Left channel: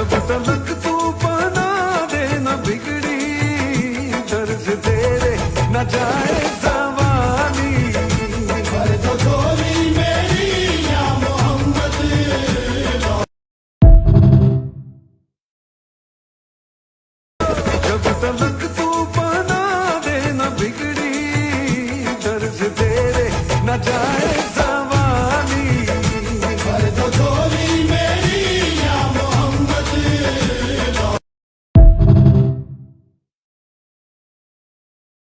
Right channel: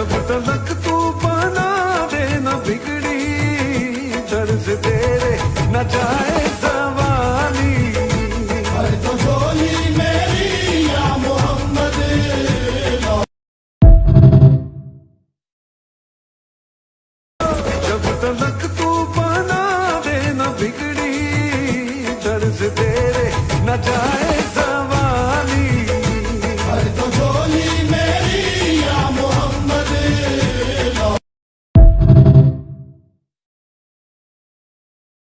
जब तलक तू बना दे न बिगड़ी दर से तेरे न जाए जवानी। जब तलक तू बना दे न बिगड़ी दर से तेरे न जाए जवानी।